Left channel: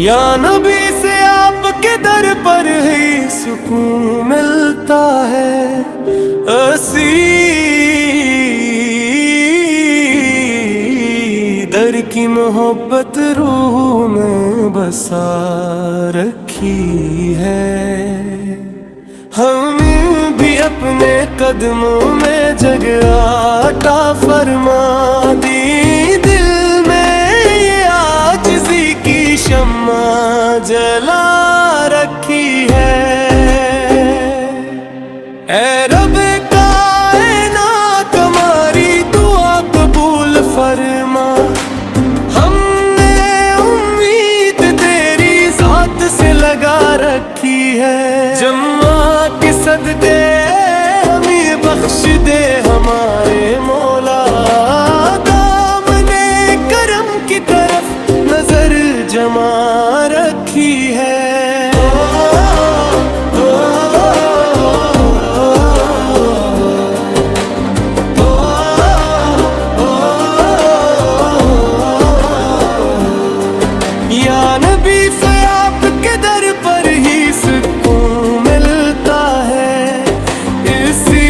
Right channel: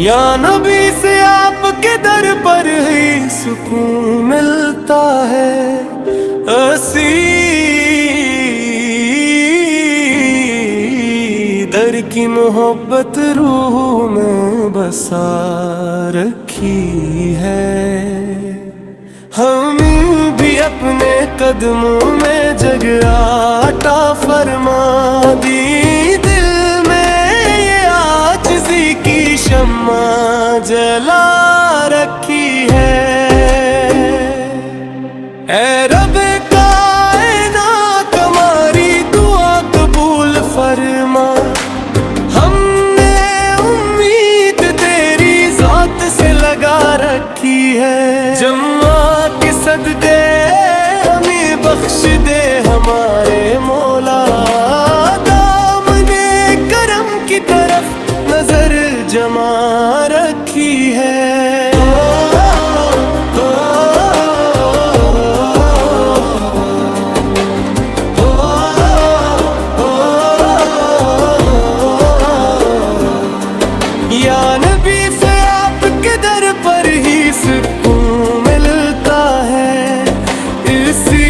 या नबी से आपके दर पर ही सुकून मिलता है। असी दर की मोहब्बत रूह में बसा रखी है। हम भी अपने कदमों में जगह अता फरमा दी। दिल में ये आजिज़ी की शम्मा जला रखी है। ऐ रब कायनात हमारी दुआ कबूल फरमा। हमने उम्मीद तेरी ज़ात से लगा रखी है। जम्मा के सदके हमें बख्श दे हमारे मौला। दामने करम की तरफ नजर जमा रखी है। या नबी से आपके दर पर ही सुकून मिलता है। इसी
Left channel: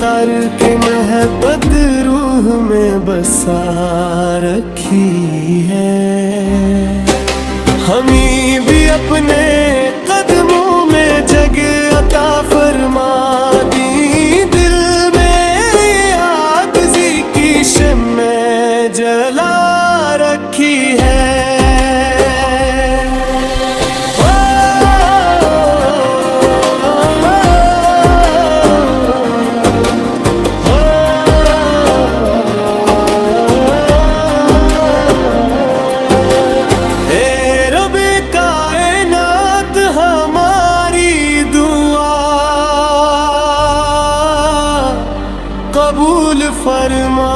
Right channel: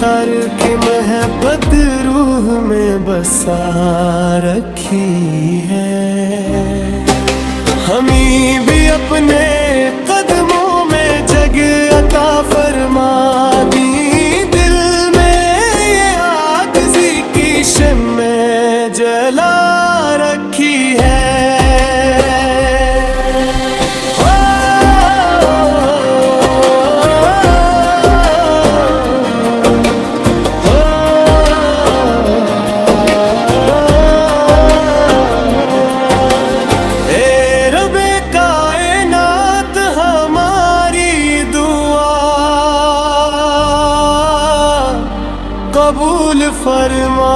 तर की मोहब्बत रूह में बसा रखी है। हमें भी अपने कदमों में जगह अता फरमा दी। दिल में ये आजिज़ी की शम्मा जला रखी है। कबूल फरमा।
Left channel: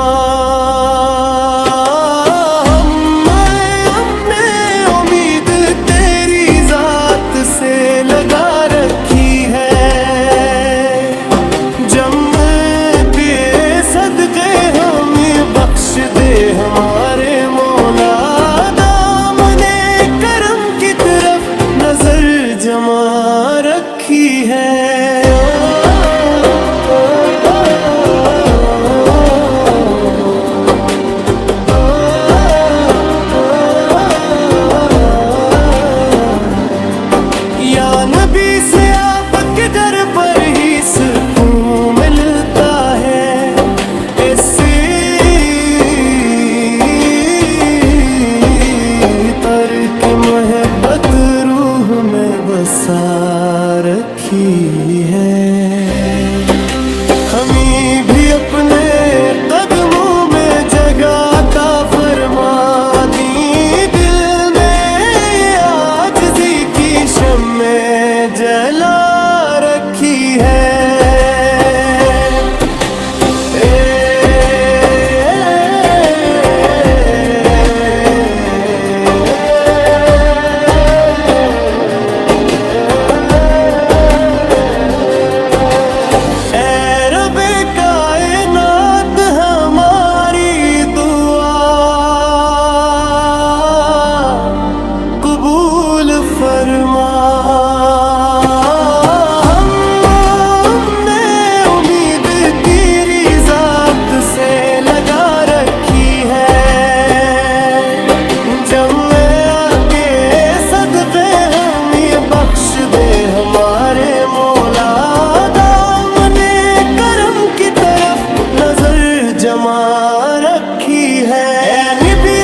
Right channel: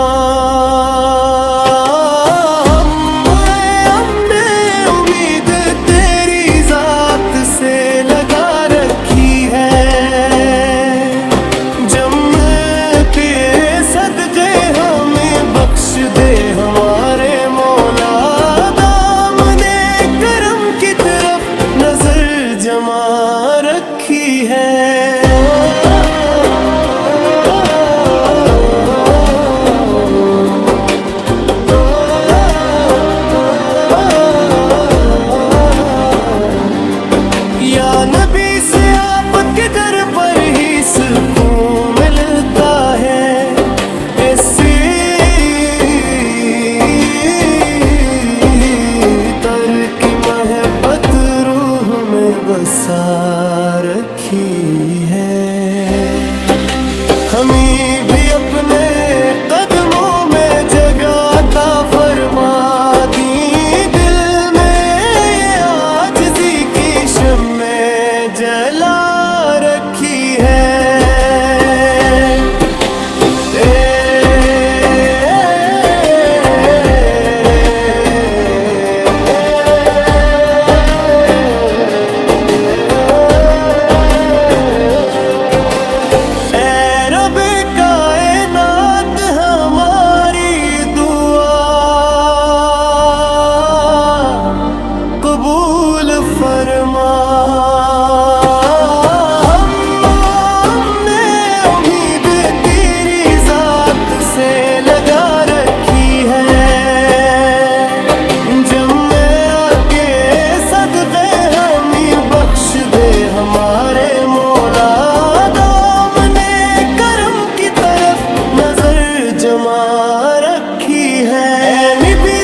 हमने उम्मीद तेरी ज़ात से लगा रखी है। जम्मते सदके हमें बख्श दे हमारे मौला। दामने करम की तरफ नजर जमा रखी है। या नबी से आपके दर पर ही सुकून मिलता है। ऐसी तर की मोहब्बत रूह में बसा रखी है। हमें भी अपने कदमों में जगह अता फरमा दी। दिल में ये आजिज़ी की शम्मा जला रखी है। कबूल फरमा। हमने उम्मीद तेरी ज़ात से लगा रखी है। जब मैं आके सदके हमें बख्श दे हमारे मौला। दामने करम की तरफ नजर जमा रखी है। नबी